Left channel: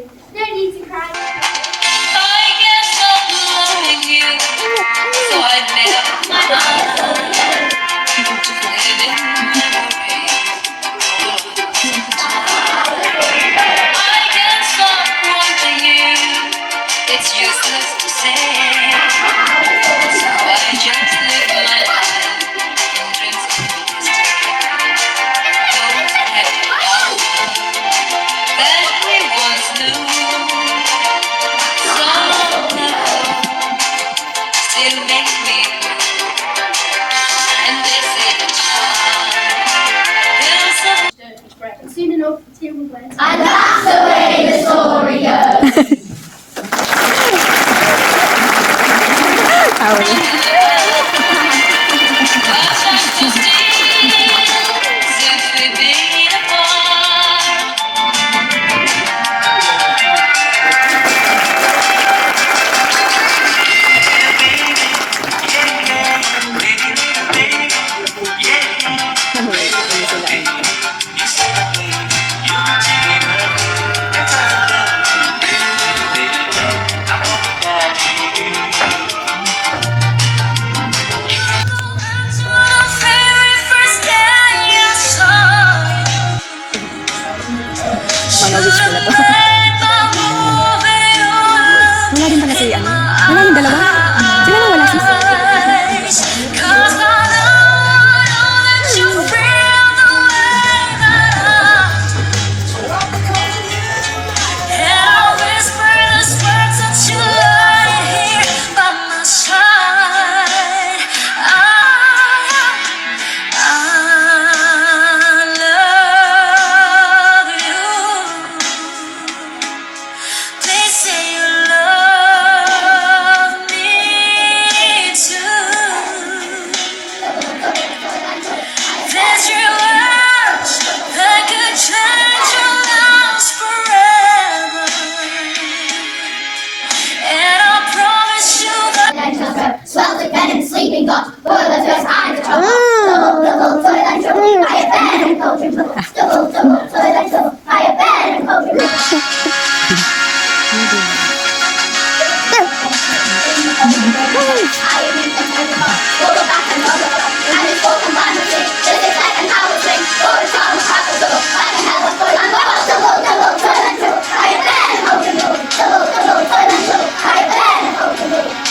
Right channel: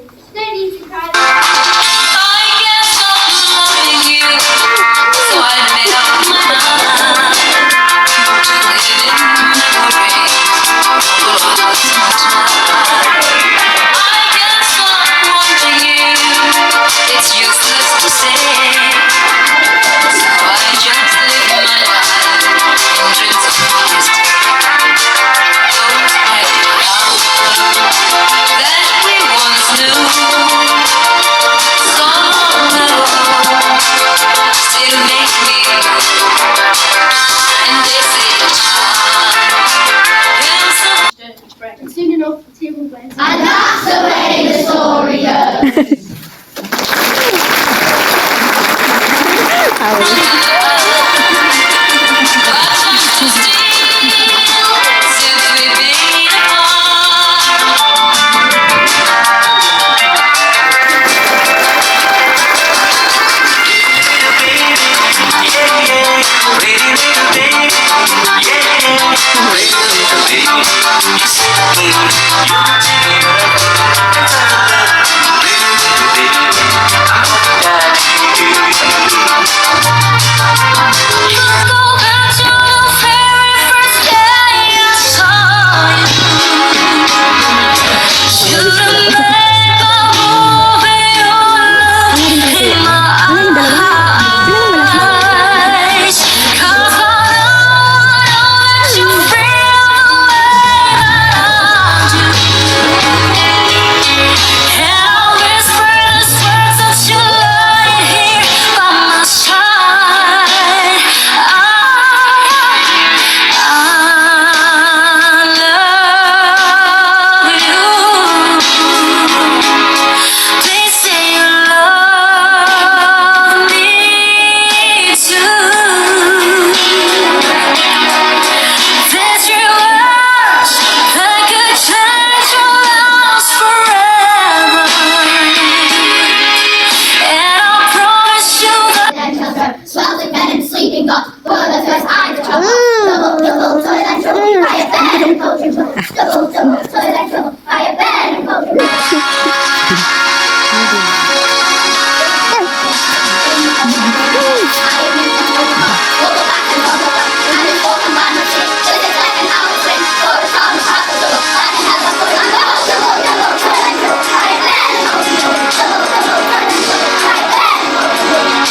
No need to cry. It's useless to say, so I just live my life in dreams of yesterday. Those pretty love that we once knew, somehow still make me blue. And they say time. And soon enough, the tear will blend. And that's the way the story goes. Since we've been apart. Panawis ko na to. Wala din pala sila. Wala yung dalawa. Sila lang wala sis. Swells the bed and sleeping got boilers first eyes of trouble. Double toilet trouble. I have bed and poultry trouble. Double toilet trouble. I have bed and poultry trouble. I have been and heard about. We'll go back and talk about. And it's spoken by my shit. This is like an hour swing. For a child of half a double. Like a hell of a foot. I'm double toilet trouble. I have bed and poultry trouble. Double toilet trouble. I have bed and poultry trouble.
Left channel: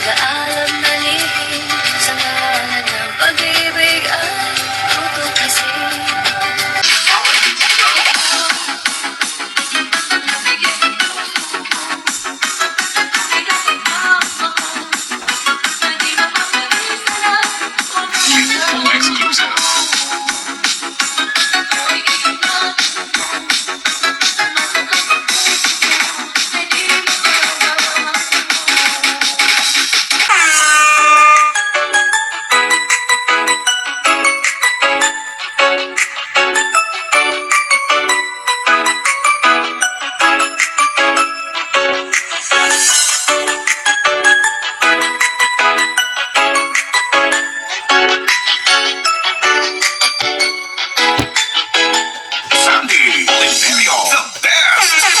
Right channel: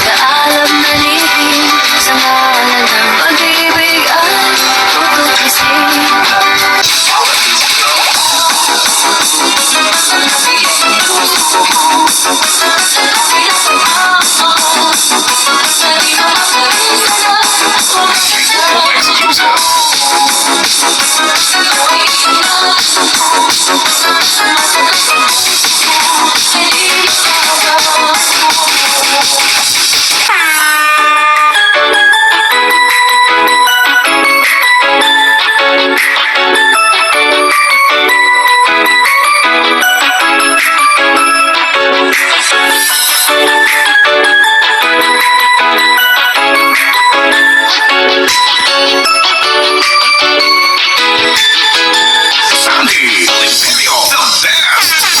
Pag-aalab na lihim sa ngalan ng pag-ibig ay tutuklasin. Sandy Imperial, the best.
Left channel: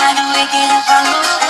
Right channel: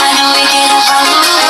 I know we can have a